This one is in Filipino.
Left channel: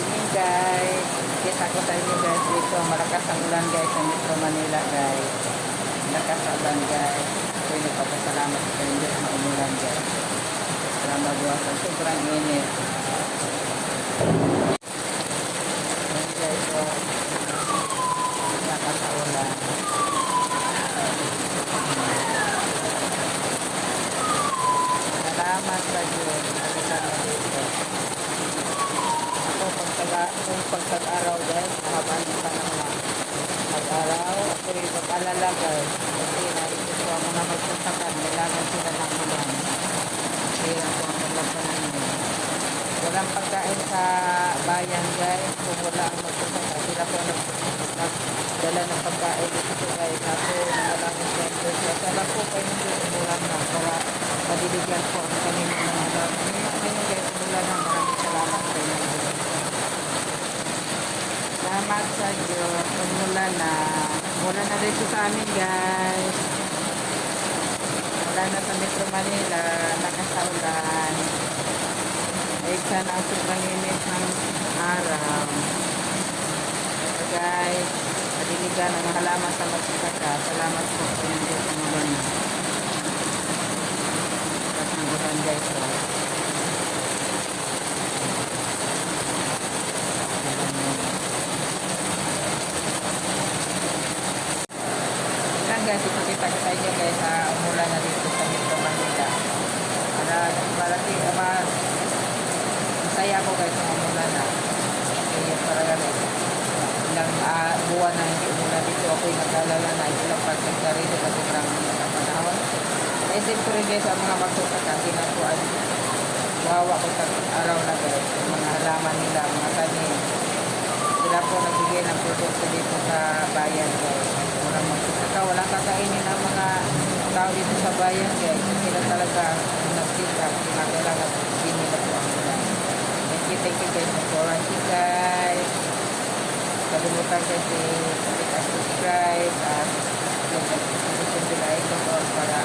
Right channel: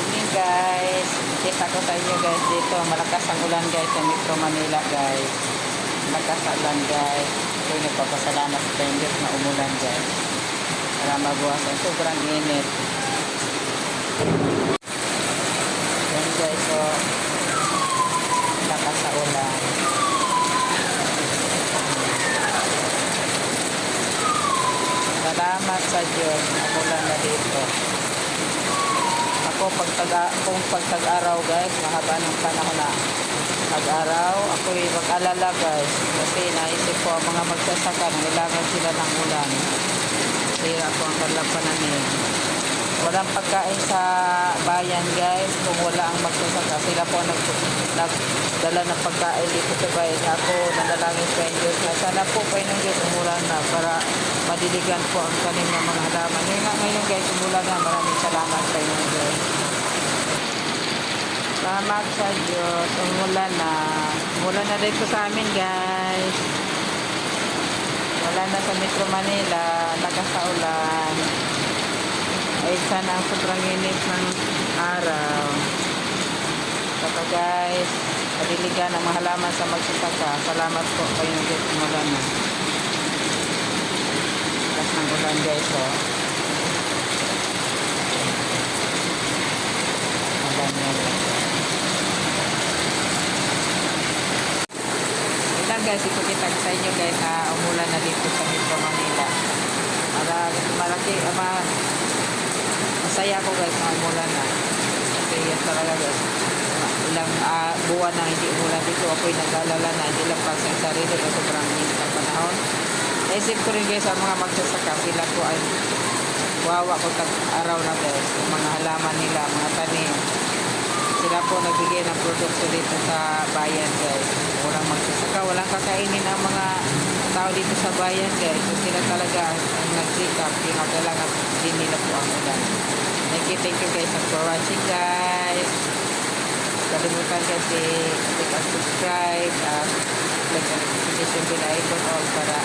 evening guys. Kita ko sa inyo guys dito. Malakas ang ulan guys sa Metro Manila guys. Malakas ang ulan guys. Ako'y nagpapasalamat sa Diyos na umulan guys. Para mabuwasan. Sobrang init. Yan guys. So, malakas sa ulan. Salamat sa Diyos. Umulan na dito. Ako kung pagtag-araw guys, mahaba ng panahon na tag-araw, ako'y mag-alala guys kasi naisip ko ang mga magsasaka kailangan sila ng ulan. Kaya ako ang kalapananin. Walang pagkain sa bayan guys kung wala ang magsasaka. Sila po nagdala ng pagkain dito sa bayan. Ako nanalangin sa Diyos na sana po kayo ng Diyos umulan na para madiligan po ang kanilang mga halaman. Ngayon guys, umulan na. Maraming salamat sa inyo Diyos. Salamat sa Diyos. Umulan na. Umulan na dito sa amin guys. Wala na sa Metro Manila. Nakasaulan. Ay sana ang sobrang init ng araw. Saka guys, madiligan ang mahalaman sa magsasaka. Salamat po kayong Diyos. Umulan na. Lakas ng ulan guys. Oh. Ulan na. Ito guys, ipakita ko sa inyo guys na umulan na dito sa Metro Manila. Masaya ako guys na umulan na. Kasi yan talaga guys. Ilang buwan na hindi umulan dito. Ako'y nag-alala na hindi lang para sa sarili na sobrang init ang panahon. Naisip ko rin guys ang mga magsasaka. Sila po ay wawa ko tag-araw na guys. Yung mga halaman nila, mga tanim. Sila po nagbigay ng produkto dito sa bayan guys. Walang magsasaka, walang kakainin ang mga tao dito sa bayan guys. So sila talaga ang nagsikap. Kailangan din nila po ang ulan. Thank you guys for watching guys. Kalimutan guys i-click and subscribe at click the notification bell icon all para